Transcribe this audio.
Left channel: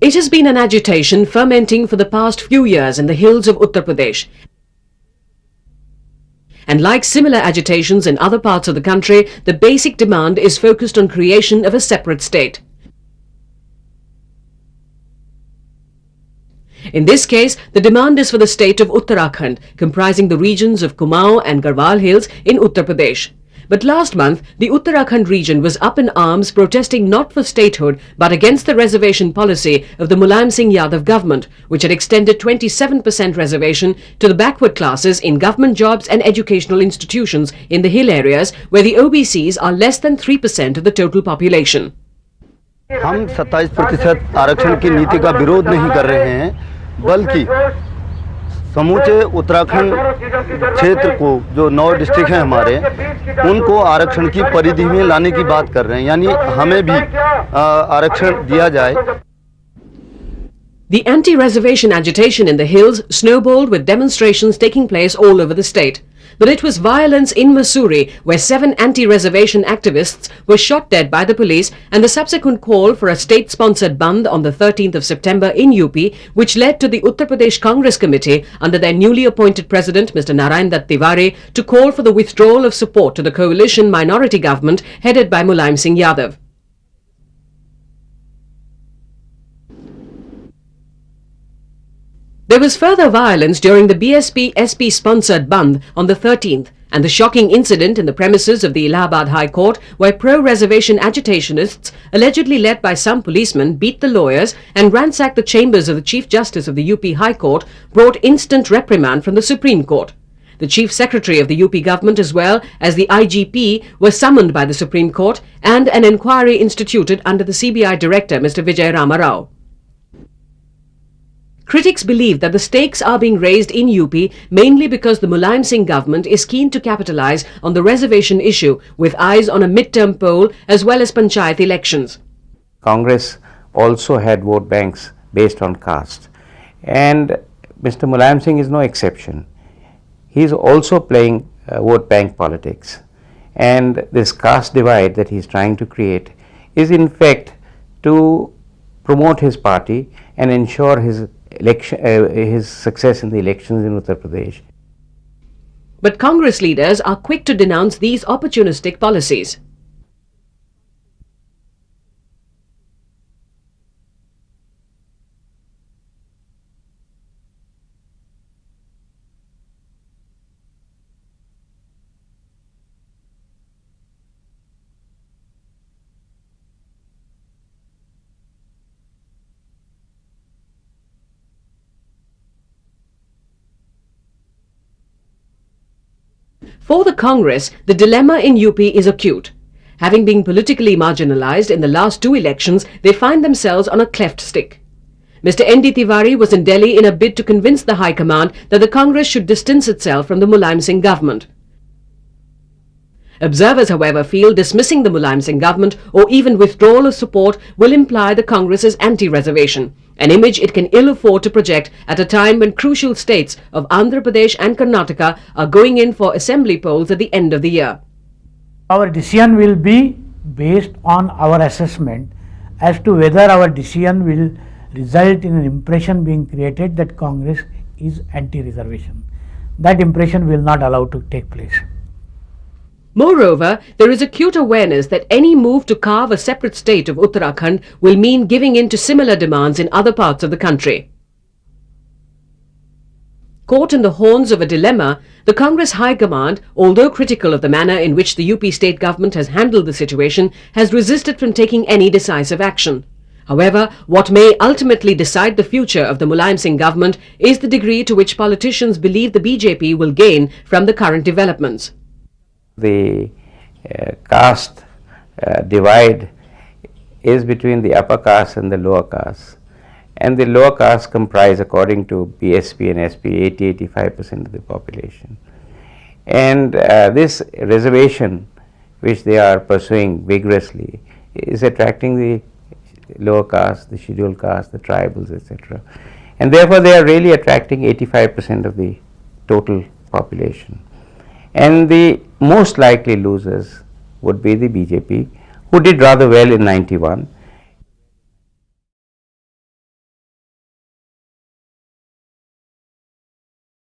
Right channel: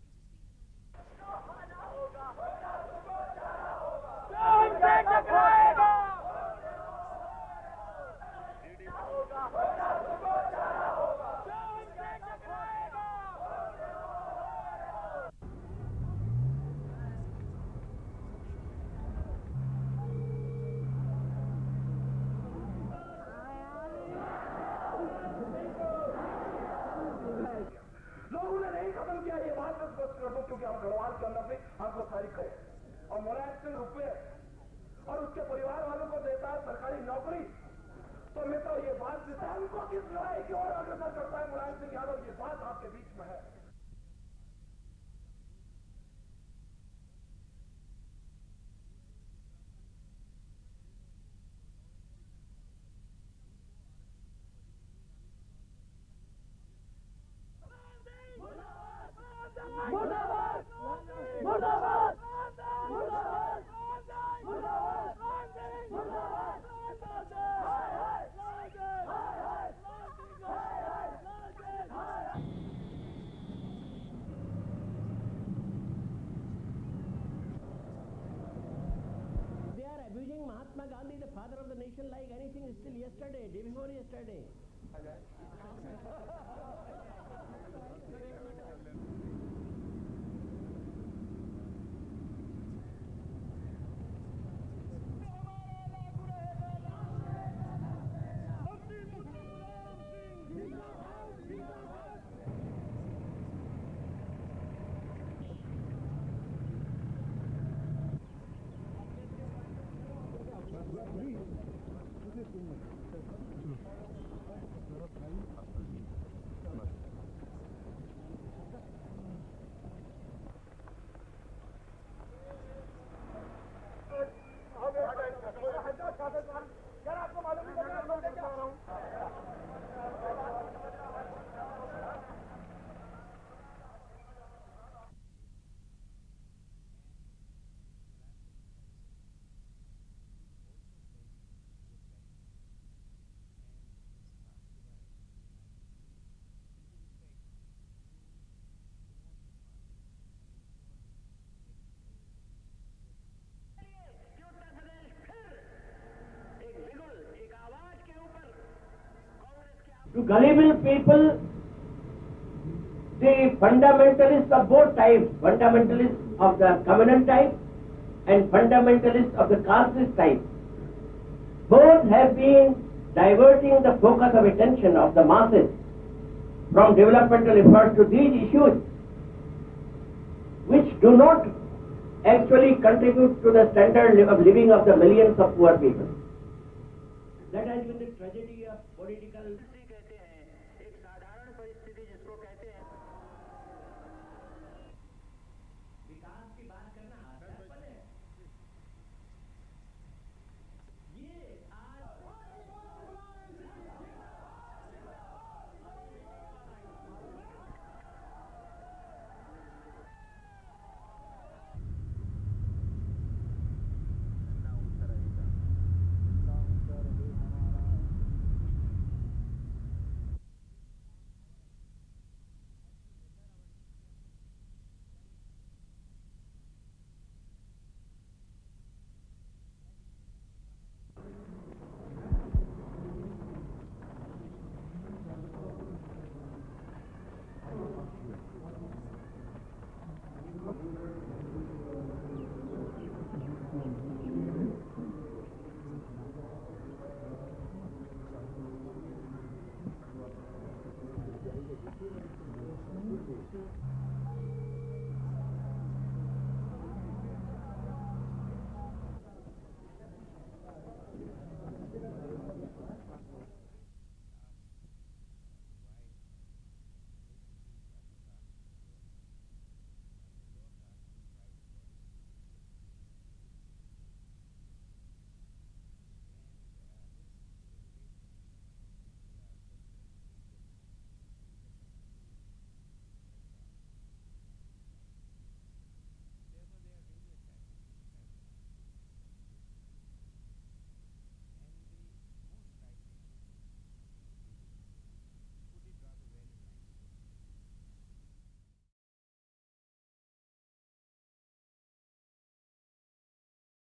It has been an agitation fermenting for the past few years in the hills of Uttar Pradesh. And like similar agitations in other parts of the country, the basic demand is focused on creation of a separate state. In this case, the demand is for the state of Uttarakhand, comprising the regions of Kumaon and Garhwal Hills in Uttar Pradesh. But last month, the Uttarakhand region was up in arms protesting not for statehood but against the reservation policy of the Mulayam Singh government, which had extended 27% reservation to the backward classes in government jobs and educational institutions in the hill areas where the OBCs are less than 3% of the total population. हम 27% आरक्षण की नीति का विरोध नहीं कर रहे हैं, बल्कि समूचे उत्तराखंड क्षेत्र को जो 9 डिस्ट्रिक्ट हैं हमारे, उनको आरक्षण की परिधि में लाने की बात कर रहे हैं, यानी हमें भी आरक्षण दिया जाए. The anti-reservation agitation in the hills snowballed with demonstrations taking place all over the state. But it was violence in Mussoorie where 7 anti-reservation activists were shot dead by the police and the subsequent call for a state-sponsored bandh on the 13th of September in UP, which led to the Uttar Pradesh Congress Committee under their newly appointed president Mr. Narayan Dutt Tiwari to call for the withdrawal of support to the coalition minority government headed by Mulayam Singh Yadav. There was further violence during the BSP-SP-sponsored bandh on the 13th and the shocking incident in the premises of the Allahabad High Court where pro-reservation agitationists, allegedly led by some policemen, beat the lawyers and ransacked the chambers of the Chief Justice of the UP High Court brought instant reprimand from the Supreme Court. The Chief Secretary of the UP government as well as the IGP were summoned by the Supreme Court and an inquiry instituted under the CBI Director Mr. Vijay Rama Rao. Critics believe that the stakes are being raised in UP mainly because the Mulayam Singh government is keen to capitalize on the reservation issue with eyes on a mid-term poll as well as panchayat elections. Congress also had vote banks based on caste, and Mr. Mulayam Singh is no exception. He is also playing vote bank politics, and this caste divide that he is trying to create is in fact to promote his party and ensure his success in the elections in Uttar Pradesh. But Congress leaders are quick to denounce these opportunistic policies. To gullible people, the fundamentalists of both types, fundamentalists of the communal type and fundamentalists of the casteist type, both have been diverting the focus of attention of the masses from developmental efforts to these issues, which do not actually contribute to the standard of living of the millions of poor people. For the Congress, the dilemma in UP is acute. Having been politically marginalized in the last 2 elections, they find themselves on a cleft stick. Mr. N.D. Tiwari was in Delhi in a bid to convince the High Command that the Congress should distance itself from the Mulayam Singh government. Observers, however, feel dismissing the Mulayam Singh government or even withdrawal of support will imply the Congress is anti-reservation, an image it can ill afford to project at a time when crucial states of Andhra Pradesh and Karnataka are going in for assembly polls at the end of the year. Our decision will be based on our assessment as to whether our decision will result in an impression being created that Congress is anti-reservation. That impression will not allow to take place. Moreover, there is acute awareness that any move to carve a separate state of Uttarakhand will mean giving in to similar demands in other parts of the country. Caught in the horns of a dilemma, the Congress High Command, although critical of the manner in which the UP state government has handled the situation, has resisted from taking any decisive action. However, what may ultimately decide the future of the Mulayam Singh government is the degree to which politicians believe the BJP will gain from the current developments. The caste divide is between the upper caste and the lower caste, and the lower caste comprise, according to BSP and SP, 80-85% of the population. And this reservation which they are pursuing vigorously is attracting the lower caste, the scheduled caste, the tribals, etc. And therefore they are really attracting 85% of the total population. And the most likely losers would be the BJP, who did rather well in 91